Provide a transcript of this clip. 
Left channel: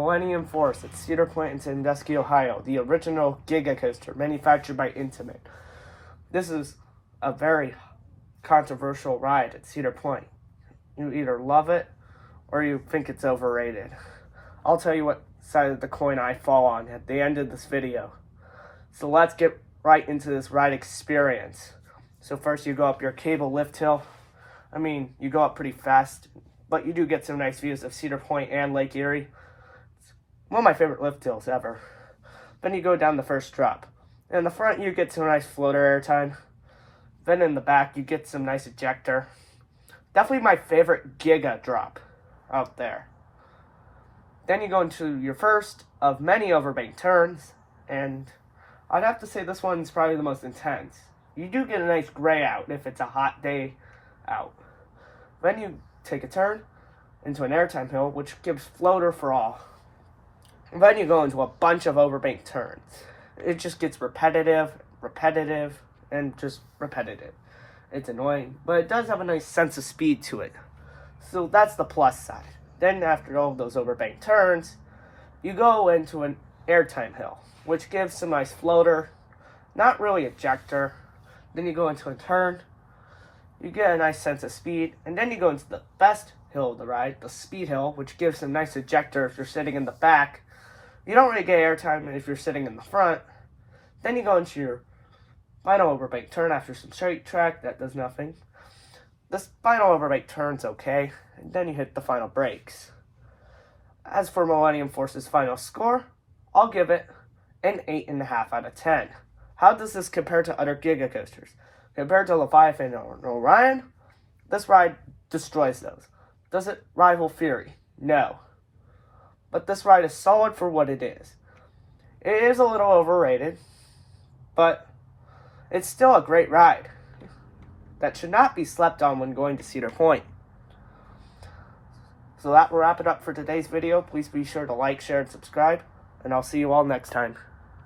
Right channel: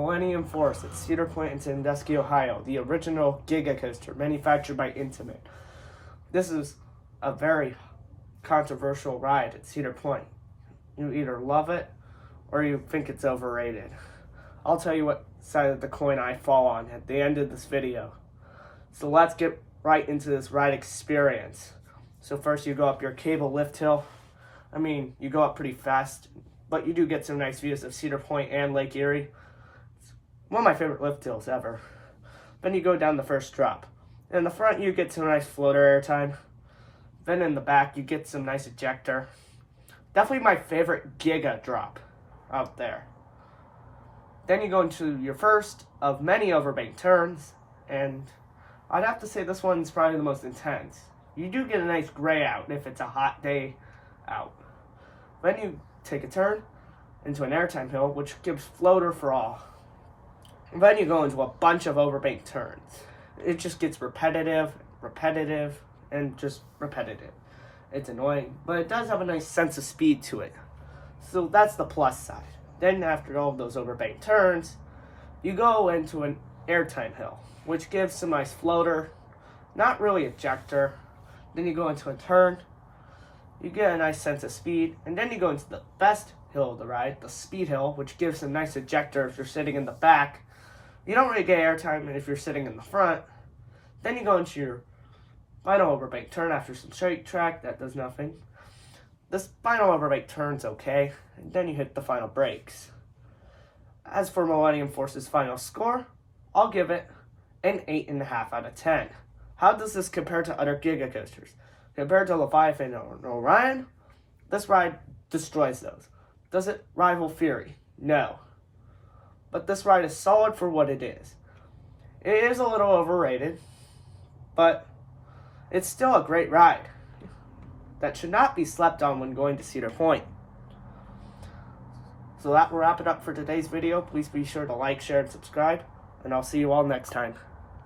Millennium Force at Cedar Point in Sandusky, Ohio, the original giga coaster manufactured by Intamin. This is a very controversial ride at Cedar Point. You either love it or you think it's overrated. I'll tell you what side of the coin I fall on at the end of this video. So let's get right into this ride experience. So first you go up your cable lift hill. You go up pretty fast, but you do get some nice views of Cedar Point and Lake Erie. It's one of my favorite lift hills ever. Then you go down the first drop. In the front you get some nice floater airtime. Then in the back you get some nice ejector. Definitely my favorite giga drop out there. Then you go into your first of many overbank turns, and I'd have to say this one's probably the most intense. You do get a nice gray out if it's a hot day out. Then you take a turn into an airtime hill, which gives floater for all. And then you go into a bunch of overbank turns. It just gets repetitive, and just repetitive. It's annoying, but it does have a nice sense of speed to it. So that's the plus side. Then after all of those overbank turns, you go into an airtime hill, which gives some nice floater, not really ejector. Then you go into a turn, you get a nice sense of speed, and then you go into the best hill of the ride, the speed hill, which gives some nice ejector if you're sitting in the back. You don't really get airtime if you're sitting in the front. Then you go into your final overbank turn after some straight track that does nothing. This final overbank turn's okay, and then you hit the final brakes. As for Millennium Force's final score, I'll give it an 8.5 out of 10. How does this compare to other giga coasters? Compared to Leviathan or Orion, this ride destroys those. Does it rival Fury? No. But this ride is solid for what it is. It is a little overrated, but it's still a great ride that should not be slept on when going to Cedar Point. So that will wrap it up for today's video. Please be sure to like, share, and subscribe, and I'll see you all next time.